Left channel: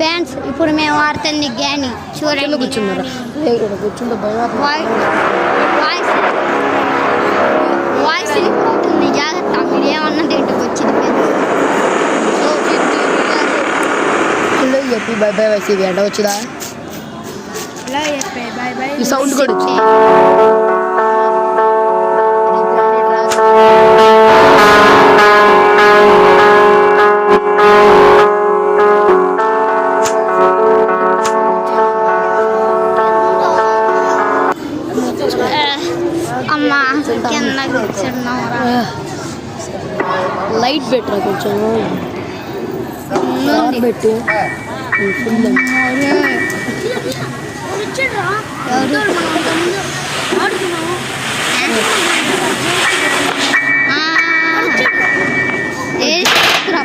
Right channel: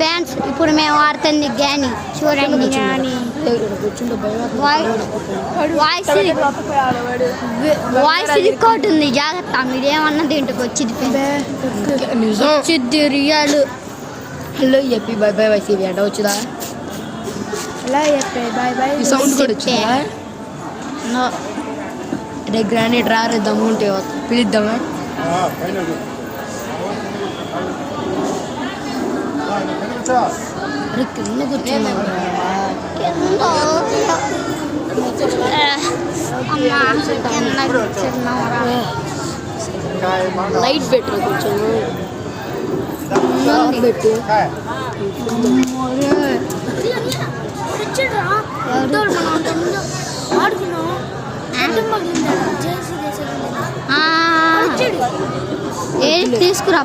Fans ఇప్పుడు మేము వాడుతుంది గ్యాని చూడండి. వాయిస్ లిక్ అవుతుంది, జాగ్రత్త. మీరు ఏమన్నది ఇంటికి వచ్చింది రియల్. హలో చెప్పి బై బై వైసీ ఎండ వచ్చిందా? హలో చెప్పి బై బై. ఈ సౌండ్ కూడా వచ్చిందా? గ్రానైట్ రాలేదు. లైట్ పెట్టరా కొంచెం పెట్టు. ఏది తీసుకురా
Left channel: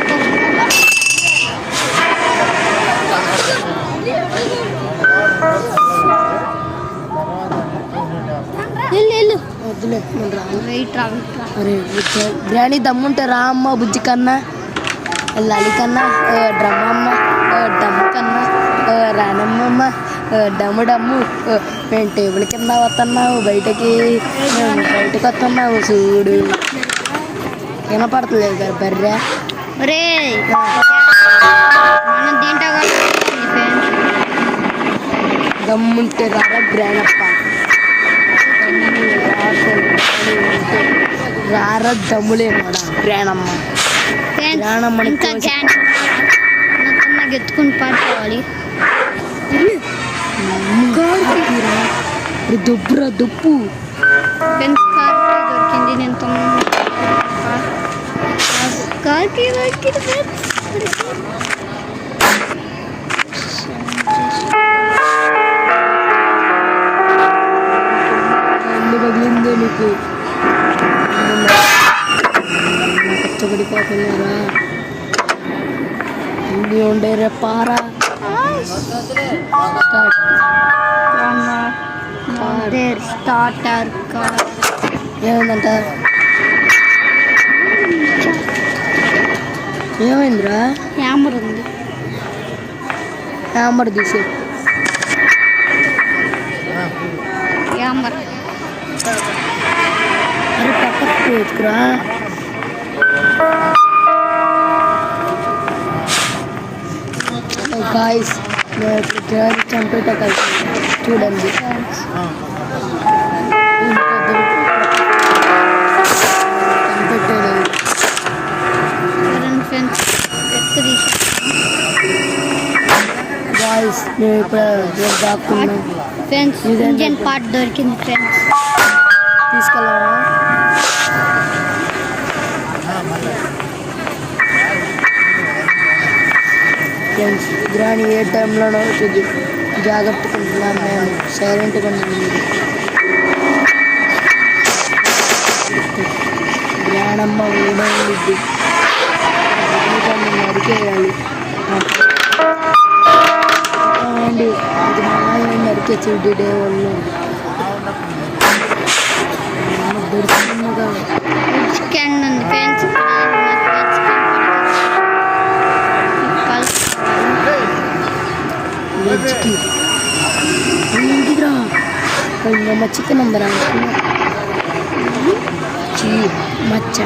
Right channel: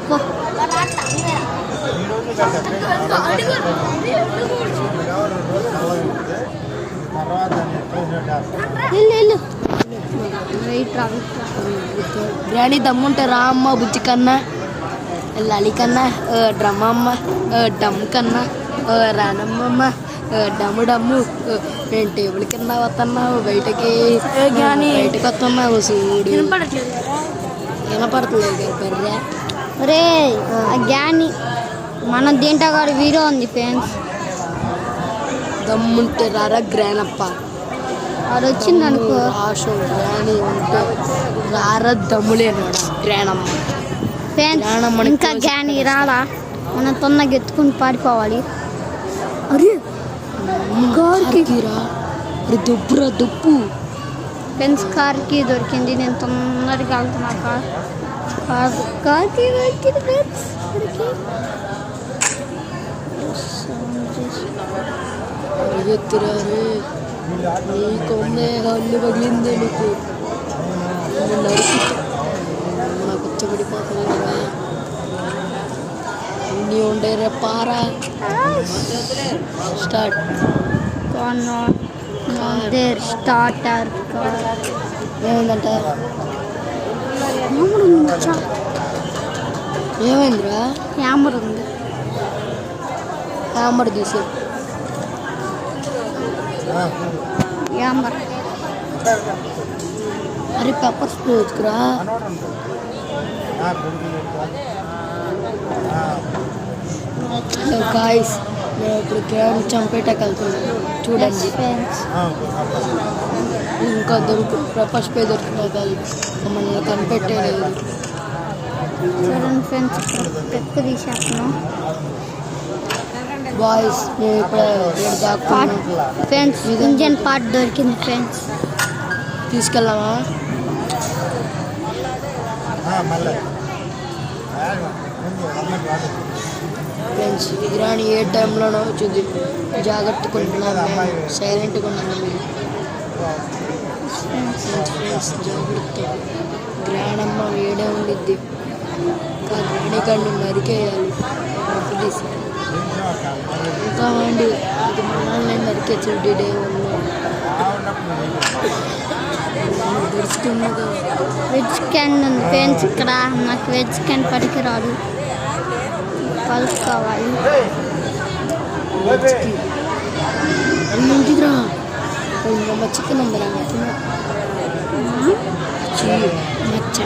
గ్రాని దమ్ముంటారా అమ్మ బుజ్జి కన్నా, లలి కన్నా, డ్రమ్మ అమ్మ, డమ్ము కన్నా, రానమ్మ, డమ్ము డమ్ము. నేను టేబుల్ కింద వస్తున్నావు, బయటకి వస్తున్నావు. చూడు వినపడతలేదు కదా బర్రె. రే మనం దీంట్లో కూడా వీడియో ఉంది ఫ్రెండ్స్. దమ్ముంటే రారా గ్రానప్ప, అది వచ్చిందని ఉంటే రారా దమ్ములే గ్రానమ్మ. ఇంకా గ్యాని రాడా, మన తొందరగా ఎత్తుకుని పారిపోవాలి. దుబ్బురా దుప్పు. ఫ్రెండ్స్ కార్కి దొరికింది. నేను తొందరగా కార్కి దొరికింది. పగిలిందే మీకు నాకు కష్టపడిపోతున్నారా? అన్నీ ఉండేరా పారా. Start starter ఏమైందంట? ఏమైందిరా? హ్యామర్ ఉంది, హ్యామర్ తీసే. హ్యామర్ అరే పెప్పర్ స్ప్రే ఎత్తుకురా. గాయస్ మేము ఇప్పుడు గ్రాని చంపేట కలిసి చూడండి. ఇంకా పెప్పర్ స్ప్రే చంపెట్టలేదు. చూడండి ఫ్రెండ్స్, ఎత్తు తీసేస్తున్నాం. గాయస్ మేము ఇప్పుడు దాక్కున్నాం ఫ్రెండ్స్. ఇంజన్ పార్ట్ దొరికింది ఫ్రెండ్స్, తీసుకెళ్ళామా? ఫ్రెండ్స్ గ్రాని ఏ టైంలోనో వచ్చింది, జాగ్రత్తగా ఉంటున్నాం మేము, సైలెంట్గా ఉంటుంది. గ్రానమ్మ వేడే ఉండిద్ది, గ్రానికల్ని నరికేయాలి. ఇంకా ఉంది, అది మనల్ని నరికే చెడ్డి డే వాళ్ళు దొరుకుతున్నగా. వెజ్ క్యాన్ ఉంది ఫ్రెండ్స్ ఇక్కడ. నాకు వెజ్ క్యాన్ పడుకురాదు, కలుసుకోవాలి. వెజ్కి ఇంటిరా ఇంకా చికెన్ ఉందరా? మచ్చ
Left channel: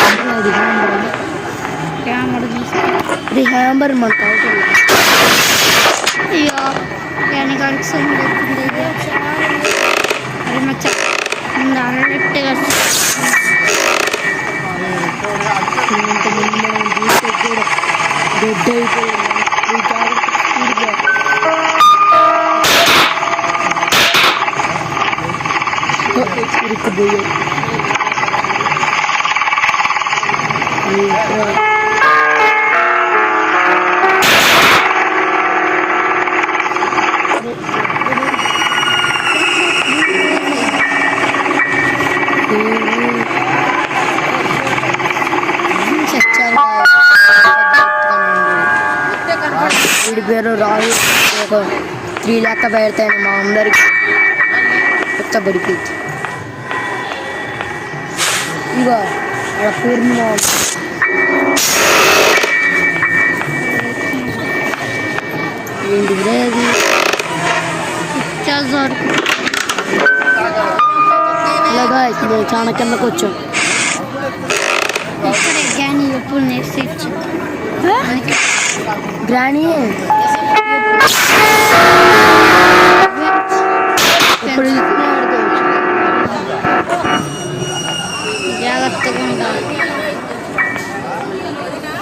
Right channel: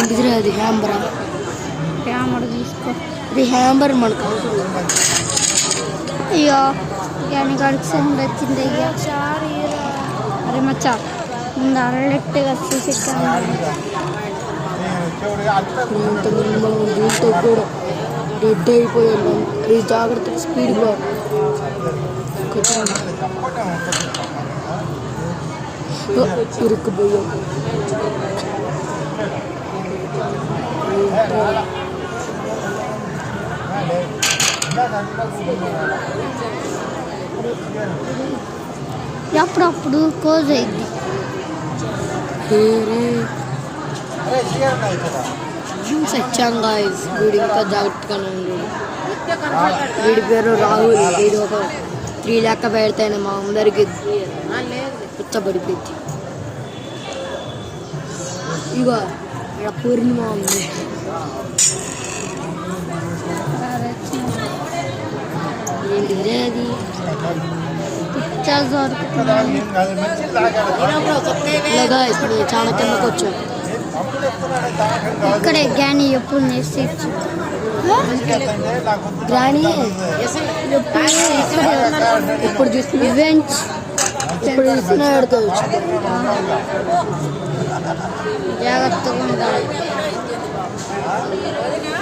ఇంటిరా. అది హ్యాంబరా? హ్యామర్ తీసుకో. ఇది హ్యాంబర్ మనకు అవసరం. అయ్యో గ్యానికి సౌండ్ వచ్చింది. అరే మచ్చ ముందు అరలెట్టుగా ఇంతమంది చూస్తే కూడా డెడ్ అయిపోయింది. జాగ్రత్త స్పీడ్గా ఇరుక్కుపోయాం. అప్పుడప్పుడు క్లోజ్ అయింది. సత్యంగా వీడు ఇంకా జాగ్రత్తగానే ఉంది. వీడి పేరు రాహుల్. వీడు ఒక 3 లెక్క పెడతాను మా అందరికి కొత్తబడిపోయింది. ఇంకా అక్కడ పూర్ణిమ దొరుకుతుంది. ఇలాగా మేము చాలా కిందకు వచ్చాం. ఇక్కడే గ్రాని ఎప్పుడు నేర్చిచ్చింది. గ్రాని ఇప్పుడు ఇస్తున్నా పడుకోవచ్చు. జాగ్రత్తగా ఉండాలి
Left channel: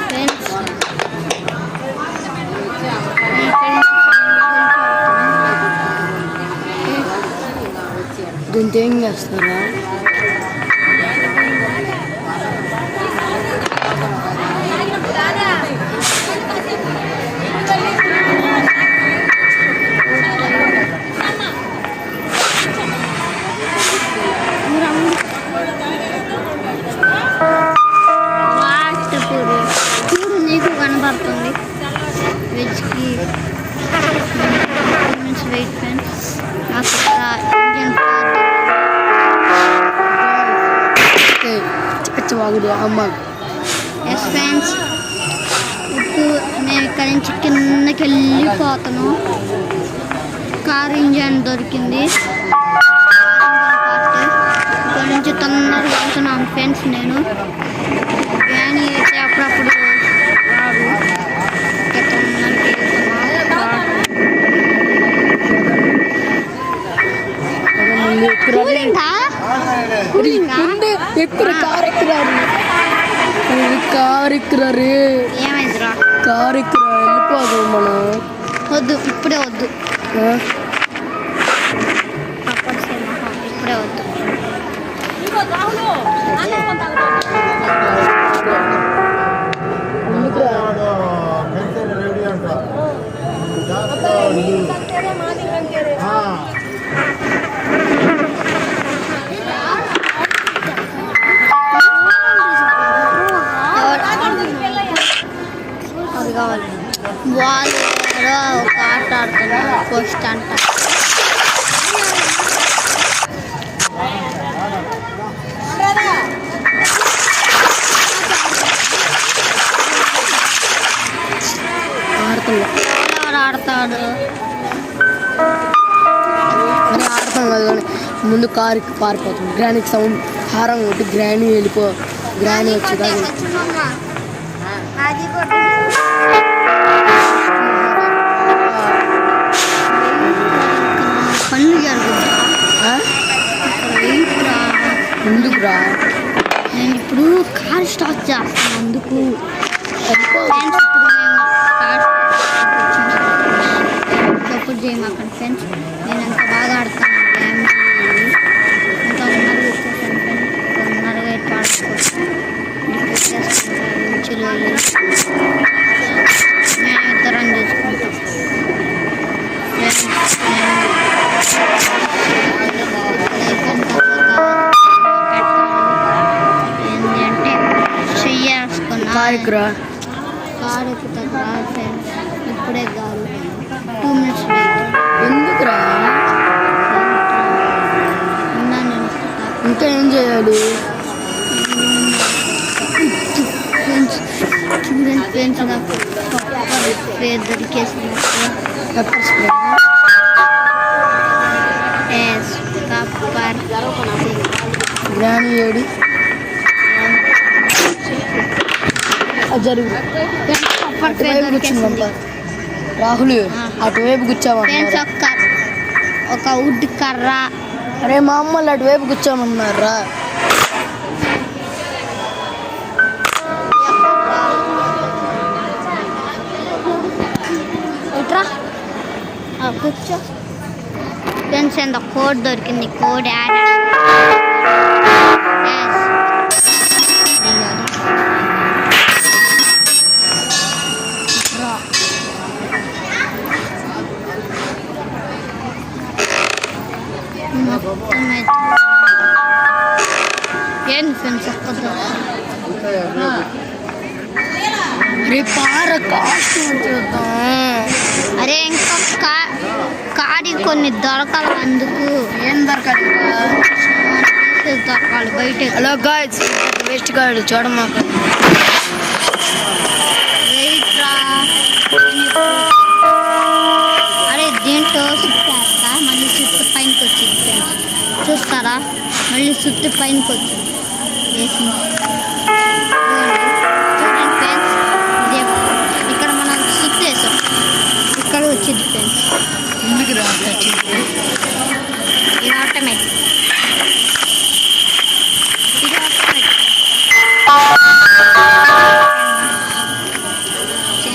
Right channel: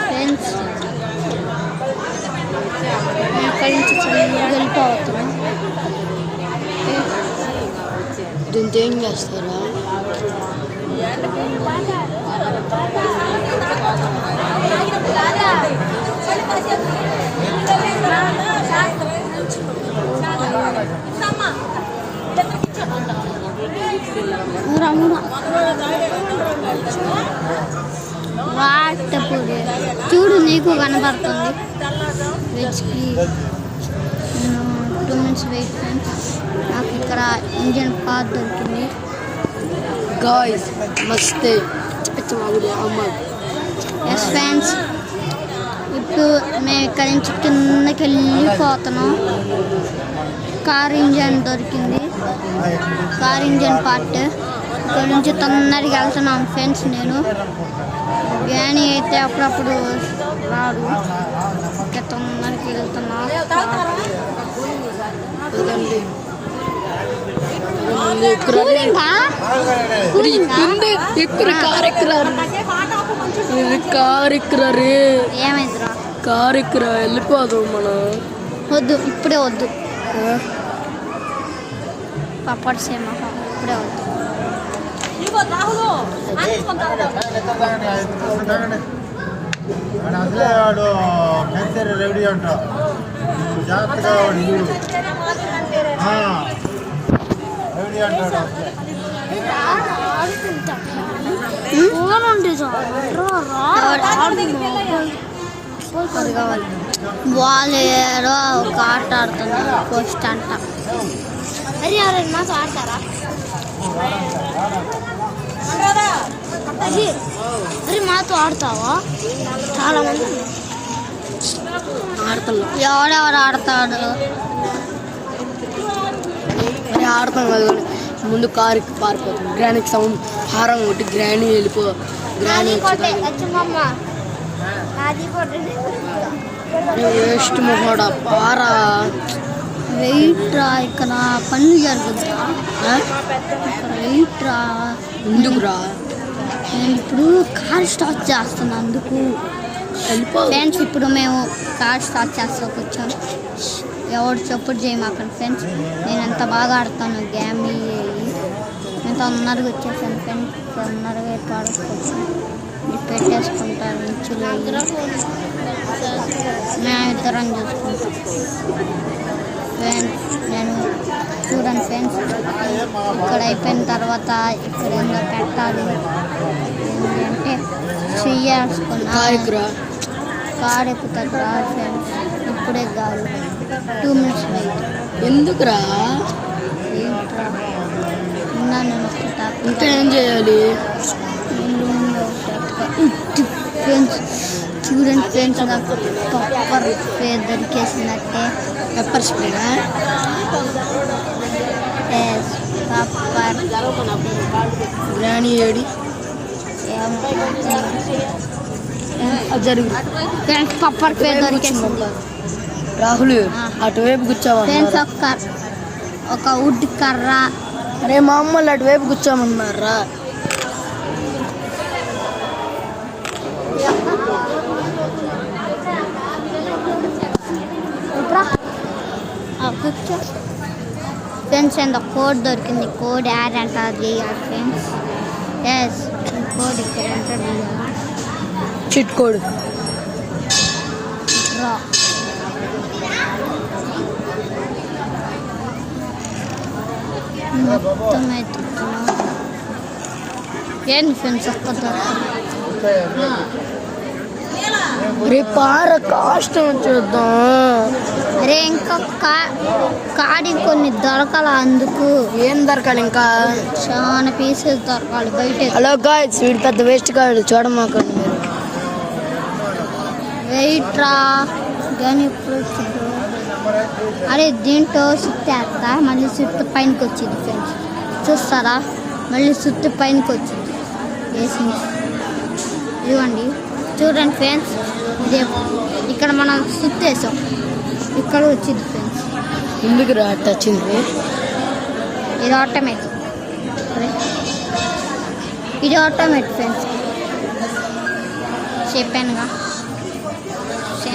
ఫ్రెండ్స్. ఇక్కడి నుంచి వెళ్ళిపోతున్నాం. దీంతో ఏం చేస్తారా? చూడు నీకు కనబడుతుంది వెజ్కి 2 minutes వెయిట్ ఫ్రెండ్స్. నాకు ఇక్కడ ఇంజన్ పార్ట్ దొరుకుతుంది. అమ్మ ఎస్ ఫ్రెండ్స్, ఇప్పుడు మేము ఇక్కడి నుంచి కిందకి వెళ్ళిపోతున్నాం. కార్ ఇంజన్ దొరికింది. కార్ ఇంజన్ పార్ట్ ఇక్కడ నుంచి తొందరగా వెళ్తున్నాం ఫ్రెండ్స్. నేను గ్రాని అయితే అప్పుడప్పుడు రాడు. ఇంకా తొందరగా వెళ్తున్నా. ఏమైందిరా? కారు ఎక్కరా వెళ్ళిపోదు మనం. వద్దు, ఇప్పుడే వద్దు. పప్పటి సేమ ఇప్పుడే వద్దు. అది కావాలి. వాళ్ళు ఏదో ఒక ఆట ఆడుతున్నారు. పోస్ట్ అంట. ఎవరెవరు ఆడతాడు? ఆడతాం కదా. ముందు కారు పారిపోతుంది. గ్రానికి సౌండ్ హారం కొట్టి గ్రాని వెళ్ళిపో. గ్రాని వచ్చి పనులు జరుగుతా. వెయిట్ రా. ఎందుకు రా? నేను ఇప్పుడు కార్ స్టార్ట్ చేస్తాను. అందుకు ఫ్రెండ్స్ ఇప్పుడు మేము కార్ స్టార్ట్ చేస్తాం. కూర్చొని ఎవరు సపోర్ట్ చేయమాకండి ఫ్రెండ్స్. నేను ఎంత బాగా ఆడతాను గేమ్. నేను తొందరగా వచ్చేసాను ఫ్రెండ్స్. తొందరగా పాడుకోవచ్చు. రిపేర్ చేసుకుంటాను. ఇంచులో మేము ఇద్దరం చూసుకుంటాం ఫ్రెండ్స్. నేను ఇక్కడ అయిపోయిన తర్వాత ఇక్కడ పెట్టాలి. ఏంటి అంటే చెయ్యేసుకున్నా కారు ఎక్కుతుంది రా ఫ్రెండ్స్. ఇప్పుడే కాదు, 2 minutes వెయిట్. ఎందుకురా? ఇంకా ఏం చేయాలి ఫ్రెండ్స్? చూడండి ఫ్రెండ్స్, నాకు పప్పర్ స్ప్రే దొరికేసినట్టు. Pepper spray? పప్పర్ గ్రాని ఏడి జరుగు. పప్పర్ స్ప్రే దొరికేసింది. రాహుల్ అటువైపు కూర్చోవా ఫ్రెండ్స్? ఒక వుడ్ కర్ర. అరే మా అమ్మలు అటువైపు కూర్చోమన్నారా? కూర్చో ఫ్రెండ్స్. ఎంత కోడ్ దొరికింది. కోడ్ యాడ్ అంటారు ఫ్రెండ్స్. కోడ్ రా. మొత్తం అయితే ఏంటి ఫ్రెండ్స్? ఒక్క పార కాస్ట్ చూద్దాం. అరే ఇంకా కాడి కొన్ని దొరకాలి. అందుకు ఏం దొరకాలి? ఇంకా చాలా పీసెస్ దొరకాలి బయట. హలో గాయ్స్, ఇది పెద్ద వేస్ట్ కాదు చూడమాకు. వెయిట్ రా. అరే దీని దీంట్లో సుత్తేస్తా మళ్ళీ సుత్తు పైనకి వచ్చింది ఫ్రెండ్స్. చూస్తారా మళ్ళీ సుత్తు పైనకి వచ్చింది వేసింది. ఇవ్వండి చూడండి ఫ్రెండ్స్, ఇదే ఇక్కడ మనం సుత్తు వేసాం, ఇక్కడ వచ్చింది ఫ్రెండ్స్. ఎందుకు రాక వచ్చింది? ఇది ఆటోమేటిక్, ఇది ఆటోమేటిక్ ఫ్రెండ్స్. చెప్పానుగా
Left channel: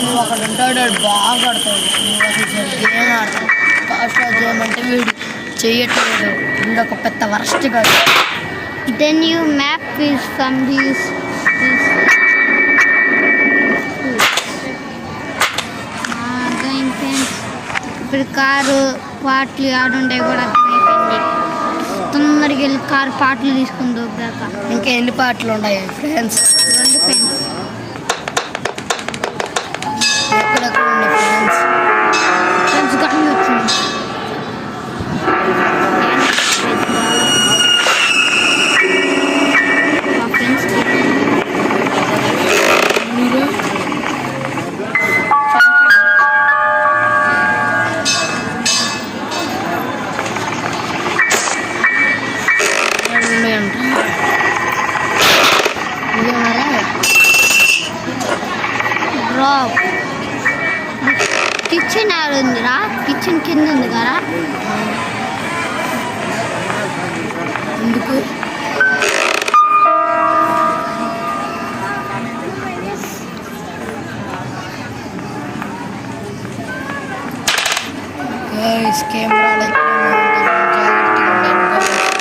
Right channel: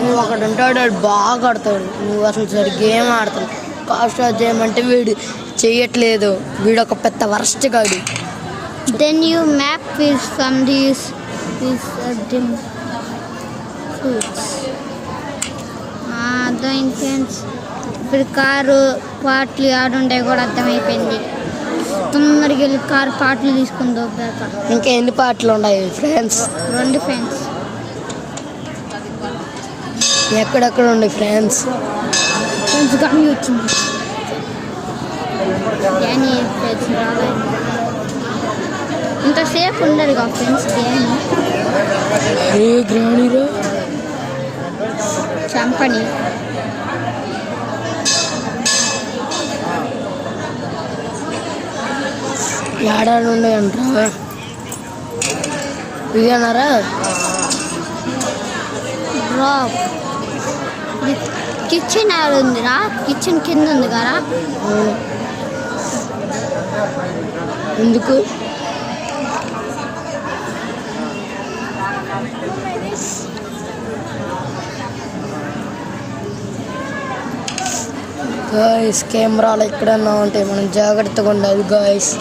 నువ్వు ఒకటి ఉంటాడు, వాడు బాగా ఆడతావు. నువ్వు అసలు సరి గేమ్ ఆడతావు. ఫాస్ట్ చేయమంటే వీడు చేయట్లేదు. వీడు ఒక పెద్ద వరస్ట్ కాదు. Then you map is from these అర్థమైంది ఫ్రెండ్స్. ఇప్పుడు కారు పాటలు ఆడుంటాయి కూడా అర్థమైపోయింది. తొందరగా వెళ్ళి కారు పాటలు తీసుకుని దొబ్బాక. ఇంకా ఎన్ని పాటలు ఉన్నాయి ఫ్రెండ్స్? 2 ఫ్రెండ్స్. ఎక్కడెక్కడ ఉన్నాయి ఫ్రెండ్స్? ఫ్రెండ్స్ కానీ వచ్చింది. ఇంతసేపు ఉండదు కదా ఫ్రెండ్స్ గేమ్. చంపని ఆడాలు ఉన్నాయంట. ఇవన్నారా డ్రాప్. కిచెన్ ఆడుందిరా, కిచెన్ కింద ఉంది కదా. ఎందుకు? గాయస్ కెమెరాలు ఎక్కడన్నా ఉంటాయి, మనం జాగ్రత్తగా ఉండాలి గాయస్.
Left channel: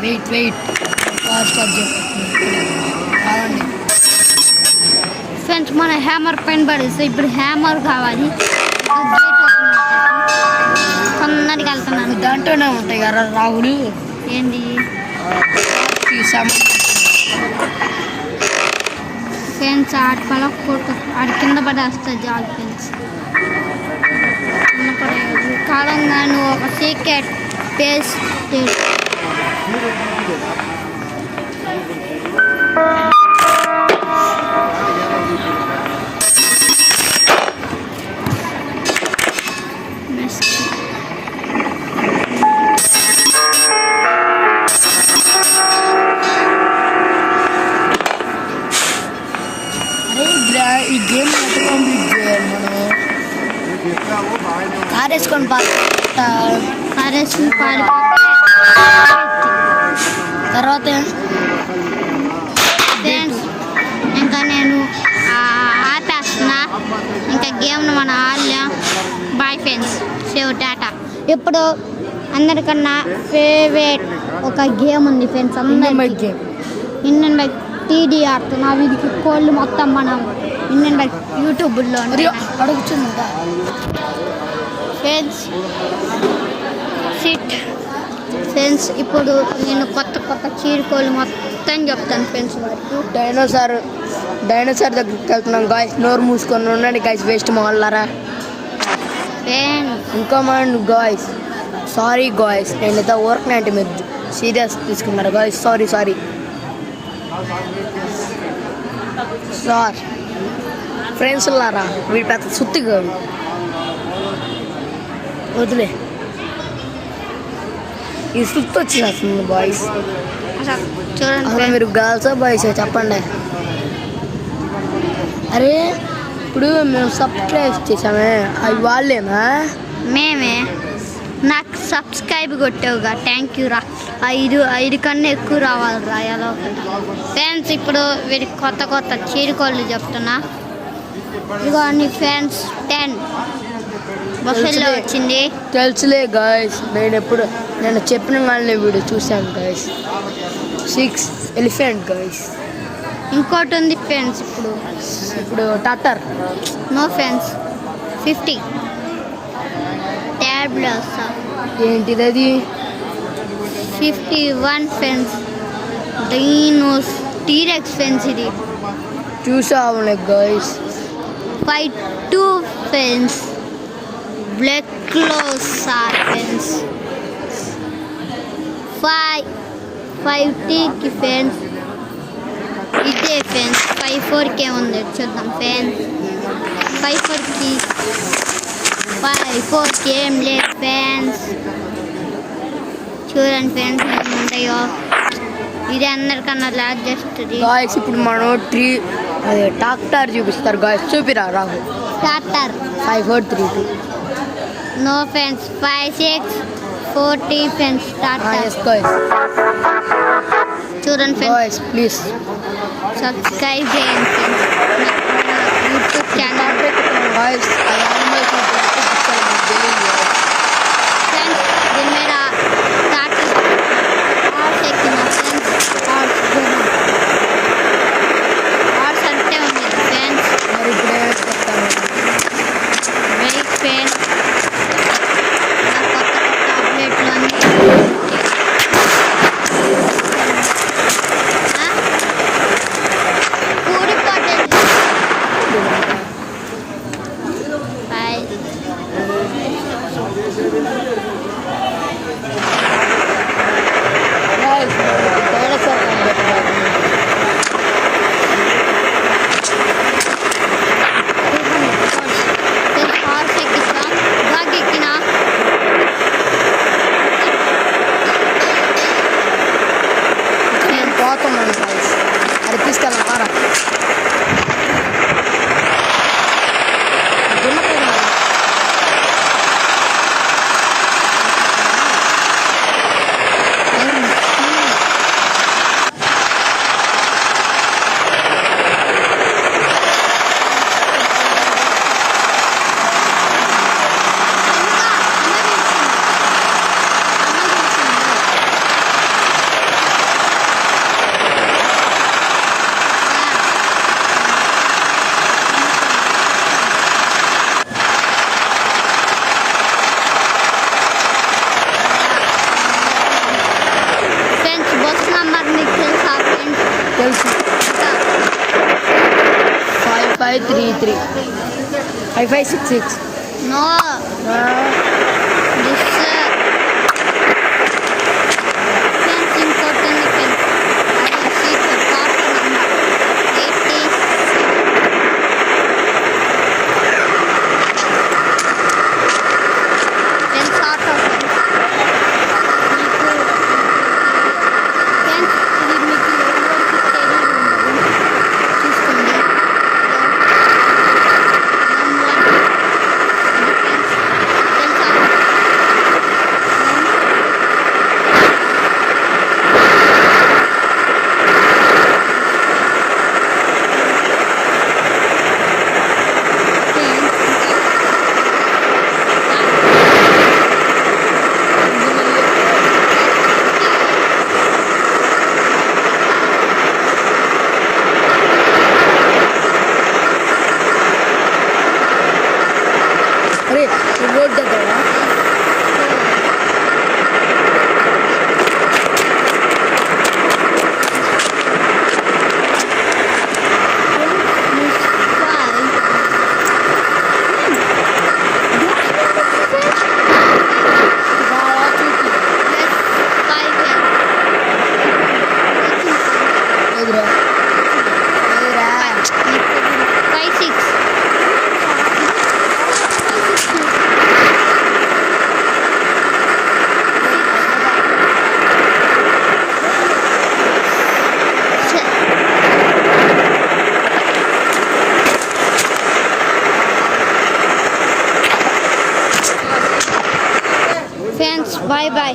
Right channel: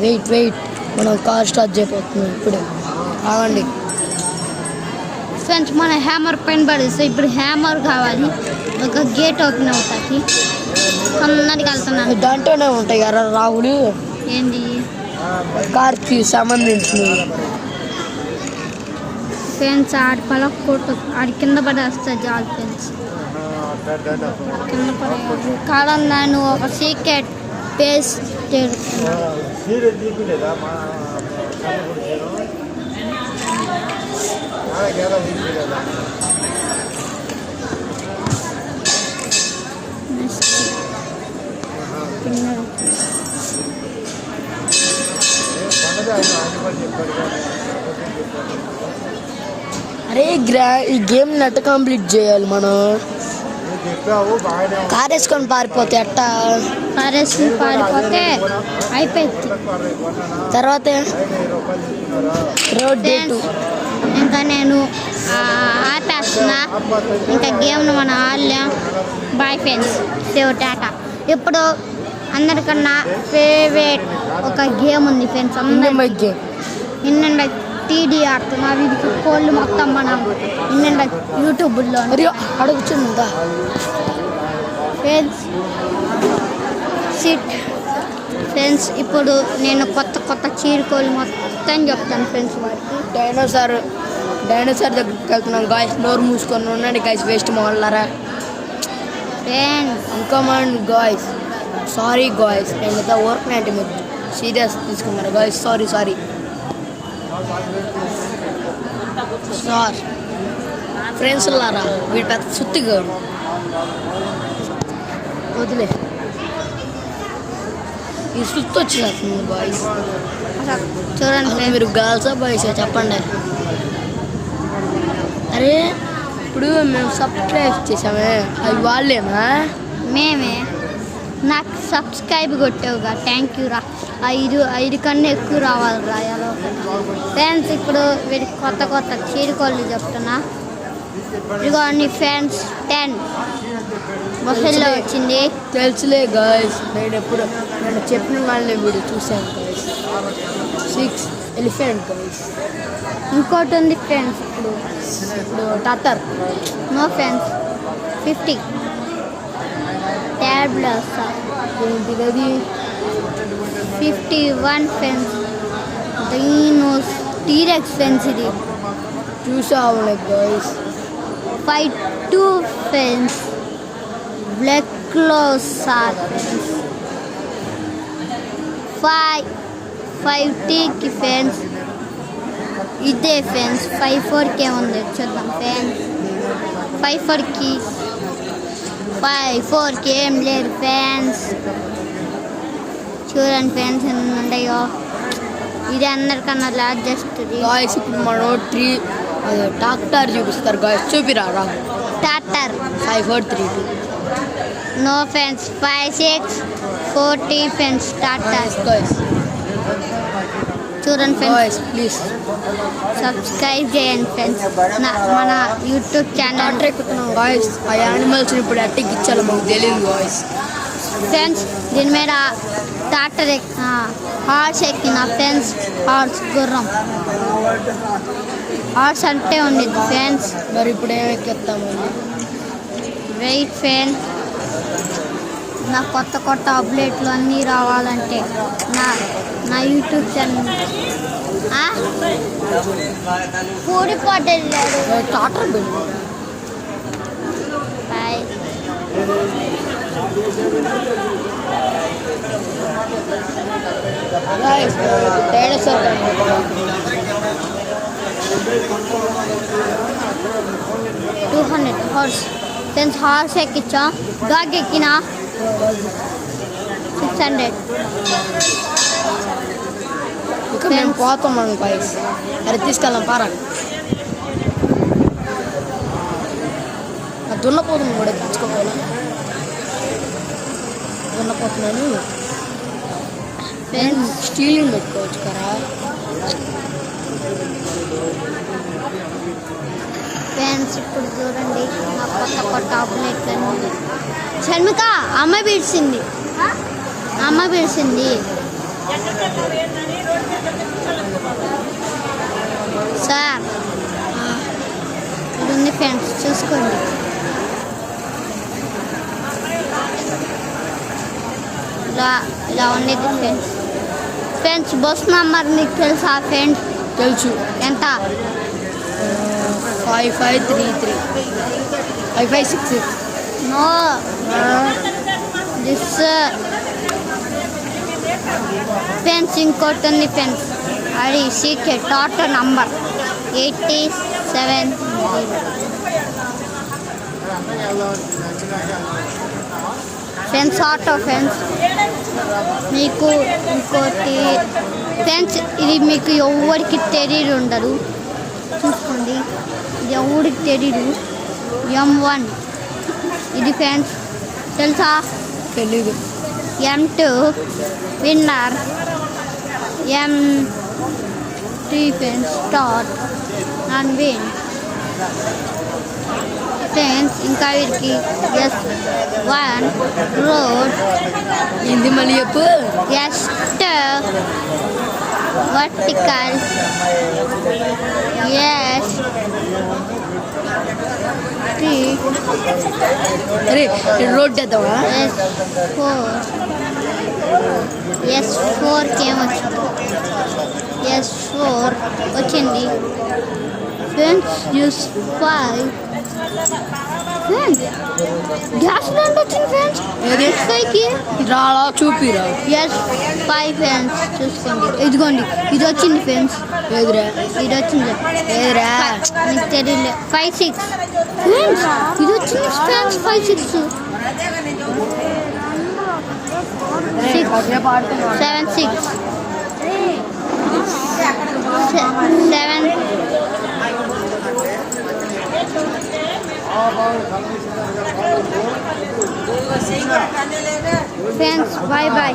వెయిట్ మనం కార్ స్టార్ట్ చేయబోతున్నాం ఇప్పుడు. కావండి ఫ్రెండ్స్, మన హ్యామర్ పైన పడేస్తే ఇప్పుడు హ్యామర్ కావాలి. ఒక గేట్ ఓపెన్ అవుతాకి తొందరగా వెళ్తున్నాను. దాంట్లోనే ఉంటాయి కదా రావులు. ఏంది కార్కి సంబంధించినవి ఫ్రెండ్స్. ఆడి పలక కొట్టు, ఆడి కింద పడేస్తా జాలి ఫ్రెండ్స్. కింద పడేయాలి కాలం. నన్ను ఒక సీక్రెట్ పేస్ అరే ఈ గేమ్ ఎంత కంప్లీట్ చేయాలి మనం? తారేసుకొని పారిపోతే ఎట్టా? కారేసుకుని పారిపోతే అయిపోయింది. తర్వాత ఫ్రెండ్స్ ఇంకా నేను ఆపేస్తున్నా. ఇంకా గేమ్ను మనం ఆడలేం. బాయ్ ఫ్రెండ్స్, సేవ్ టాటా. ఇప్పుడు అందరికన్నా ఫేవరెట్ ఒక గేమ్ ఉంది ఫ్రెండ్స్. అందరికీ ఇండియన్ బైక్ టీడీ ఆడుతున్నారు. ఇది కోళ్ళు మొత్తం మనం ఇండియన్ బైక్ యూట్యూబ్లో అడుగుతుందా ఫ్రెండ్స్. SIT friends. ఇప్పుడు నేను కొత్త చీరుకోళ్ళు మొత్తం చెప్తాను ఫ్రెండ్స్ వారికి. డైనోసార్ దగ్గరికి వెళ్తున్నాం గాయస్. నోరు మూసుకొని ఉండండి గాయస్, వేస్ట్ మాట్లాడారా ఫ్రెండ్స్. ఇంకా మన గాయస్ సారీ గాయస్, నేను ఇంత వర్క్ నైంటి మీరు సీరియస్ తీసుకున్నారు గాయస్. సారీ సార్ ఫ్రెండ్స్ లారా. వీడి పెద్ద సుత్తిగా వదిలే. ఈ సుత్తు వచ్చిన బాయ్స్. చూడండి అసలు మీరు గర్ల్సా బాయ్స్ చెప్పండి. అరే ఇప్పుడు మేము సబ్స్క్రైబ్ చేసామే, అవి వాళ్ళేనా? మేమే. నాకు సబ్స్క్రైబ్ కొట్టావుగా, థ్యాంక్ యూ రా. 5 కన్నా ఎక్కువ రావాలి రా ఎలా ఫ్రెండ్స్. ఇప్పుడు వీడికి కొత్త చీరుకోళ్ళు చెప్తున్నా. ఇదిగో నీ ఫ్రెండ్స్ 10 బఫెల్లో వచ్చింది. తెలుసులే గాయస్, నేను చెప్పిన వాళ్ళని వీడియో చూశాను గాయస్. 6 elephant guys. ఇంకోటి ఉంది ఫ్రెండ్స్. ఇప్పుడు టాటర్ నో ఫ్రెండ్స్. 50 ట్యాబ్లెట్స్. ఏంటిది అది? 51 ఫ్రెండ్స్. Dinos T rex friends. ఇది చూసావులే గాయస్. 52 ఫ్రెండ్స్. బ్లాక్ క్లోసార్ ఫ్రెండ్స్. 5Tకి ఫ్రెండ్స్. ఇదే ఫ్రెండ్స్. 54కే ఉంది చూద్దాం ఫ్రెండ్స్. 54కి 5 4కి ఏం లేదు ఫ్యాన్స్. చూడండి ఫ్యాన్స్ ఎన్ని ఉంటాయో. ఇది అందరికన్నా లార్జెస్ట్. గాయస్ ఇప్పుడు మనం ట్రాక్టర్ చూపిస్తారు గాయస్. చూపిరా రాహు. టాటర్ 5 4 3 2. No fans. 5 6 40 ఫ్యాన్స్ టాటర్. చూడండి ఫ్రెండ్స్, గాయస్ ప్లీజ్ సబ్స్క్రైబ్ చేయండి ఫ్రెండ్స్ మన యూట్యూబ్ ఛానల్. గాయస్ ఆ యానిమల్స్ ఇప్పుడు అట్టించాలి మనకు తెలియదు గాయస్. ఫ్రెండ్స్ దీని మీద టాటర్ హార్స్ ఎక్కిన ఫ్రెండ్స్. హార్స్ గుర్రం హార్స్ అంటే ఉంది ఫ్రెండ్స్. మరి ఇప్పుడు ఏమైనా చెప్తాను. వెయిట్ ఫ్రెండ్స్, నా కొత్త కొత్త అప్డేట్లు అన్నీ రావాలంటే నా యూట్యూబ్ ఛానల్ కూడిపోతుంది. Bye. Dinosaur 200 horse friends. Horse ఎక్కించాం. డాగ్ ఎక్కిన 600. నేను పోతాను గాయస్. అది తీసుకెళ్ళాం పారా. దున్నపోతున్నాను స్టీలింగ్ చందుక అమ్మ పిలిచింది. అమ్మ పిలిచింది. సార్ ఇది ఫ్రెండ్స్ చూసుకోండి. ఫ్రెండ్స్ బస్ నంబర్ నీకు తెలుసా ఫ్రెండ్స్? తెలుసు. ఎంత? 5533 5566. నో దిస్ ఫ్రెండ్స్ ఇంకోటి ఉంది ఫ్రెండ్స్. అది secret auto number 87. Friends auto friends. మీకు ఇంకోటి ఫ్రెండ్స్, ఇది మీకు ఎవరికి తెలియదు ఉండదు. చూసుకోండి, ఇది ఎవరికి తెలియదు. M1 ఇది ఫ్రెండ్స్ తెలుసా? తెలియదు. M2 winner. M3 friends top 1 win friends. ఇంకా వీటికి S1 రోడ్. ఇది మళ్ళీ చెప్పి జస్ట్ వర్టికల్. అరే రోడ్ చేద్దామా? S4 వచ్చింది ఫ్రెండ్స్. S5 గ్యాస్ బండ్ వచ్చింది ఫ్రెండ్స్. S5కి రాలా చూపిరా. S5 ఫ్రెండ్స్ చూసుకోండి. ఇదిగోండి ఇది వచ్చింది ఫ్రెండ్స్. ఎదురా ఇది వచ్చింది. ఎదురా నీకు తెలియదు. 5 6 ఫ్రెండ్స్ ఇది వచ్చింది ఫ్రెండ్స్. 5 6 6 7 6 7. Friends bye bye.